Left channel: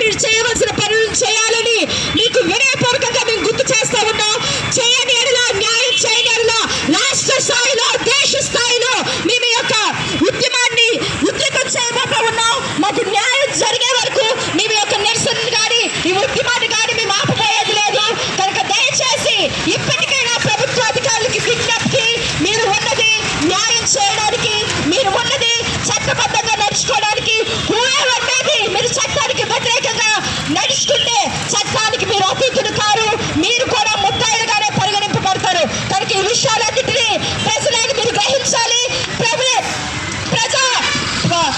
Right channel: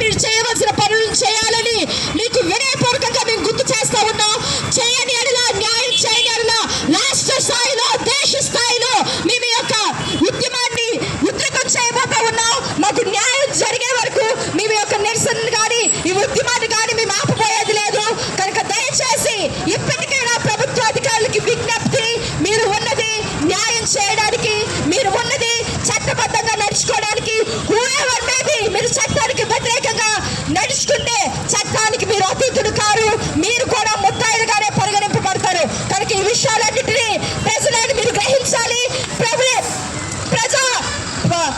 మీరు చేయవలసిన పనులు చేయాలని మీకు వినయపూర్వకంగా మేము గుర్తు చేస్తా ఉన్నాం. చేయని ఎడల, న్యాయం చేయని ఎడల రాష్ట్ర స్థాయిలో, దేశ స్థాయిలో మేము యొక్క ఉద్యమాన్ని ఉధృతం చేయబోతా ఉన్నాం. మాకు న్యాయం జరిగే వరకు మేము యొక్క నిరసన కానీ ఈ ఉద్యమాన్ని కానీ మేము ఆపబోయేది లేదు. కనుక దయచేసి ఇప్పటికైనా ప్రభుత్వ అధికారులకి విజ్ఞప్తి, మీరు ఉన్నది న్యాయం చేయడానికి, మీరు ఉన్నది చట్టబద్ధంగా నడుచుకోవడానికి. అనేది మీరు చట్టానికి వ్యతిరేకంగా నడుచుకుంటే చట్టానికి మీరు అతీతులు కారు, మీరు కూడా ముద్దాయిలుగానే పరిగణింపబడతారు. కనుక ఈ విషయాలన్నింటినీ ప్రజలను మీరు గ్రహించాలి.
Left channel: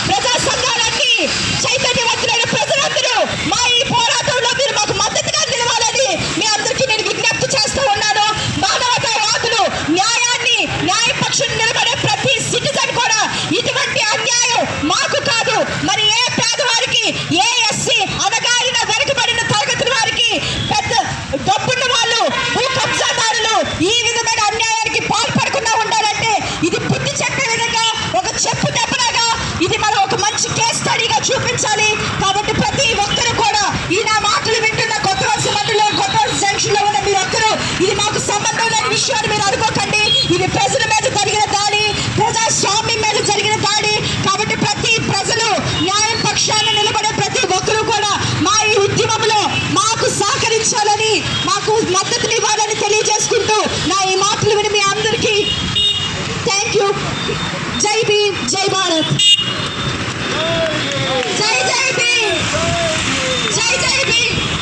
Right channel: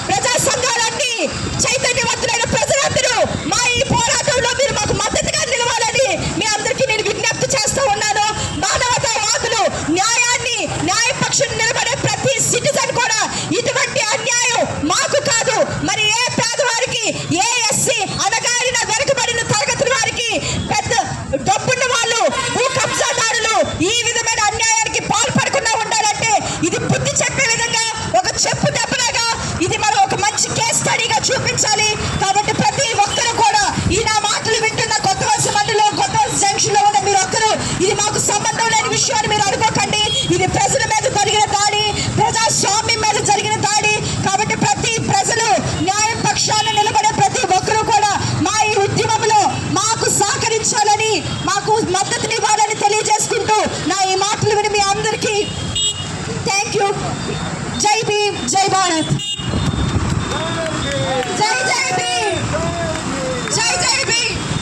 ప్రజా సంఘాలన్నీ చైతన్యవంతులైన ప్రజలందరూ మా ఈ పోరాటంలో మీరు మాకు మద్దతుగా నిలవాలని మీ అందరికీ నేను విజ్ఞప్తి చేస్తూ ఉన్నాను. మానవతావాదులు న్యాయాన్ని, న్యాయపక్షం నిలబడే ప్రతి సిటిజన్ కూడా ఇటువంటి అన్యాయం మాకు కాదు, మరి ఏ పేదవారికి, ఏ ఎస్సీ అనగారిన వెనుకబడిన తరగతుల వారికి, పెద్ద డబ్బున్న వాళ్ళు, భూ కబ్జాదారులు ఈ విధమైన అన్యాయానికి పాల్పడకుండా ఉండాలంటే ఇది బుద్ధి చెప్పే విధంగా ఒక చెప్పు దెబ్బలాగా ఇది మనం ఒక మంచి కేస్ స్టడీగా చూపించాలి. కాబట్టి ప్రతి ఒక్కరు కూడా ఈ నా మాటలు వింటున్న కొత్త వలస మండలిలో, కొత్త వలస జంక్షన్ లో ఉన్న మీరు ఒక్కరు ఇది మాకు సంబంధం లేని విషయాన్ని మీరు అనుకోకండి. ఇది ప్రజల మీద జరిగిన దాడి, ప్రజాస్వామ్యం మీద జరిగిన దాడి. కాబట్టి ప్రతి ప్రజలు న్యాయం పక్షాన నిలబడే ప్రతి ఒక్కరూ కూడా మా ఈ ఉద్యమంలో మాకు సహకరించాలని, మాకు మద్దతునివ్వాలని తెలియజేసుకుంటూ నా ఈ మాటలు విని మీ అందరికీ థ్యాంక్ యూ. జై భీమ్, జై భారత్, జై జై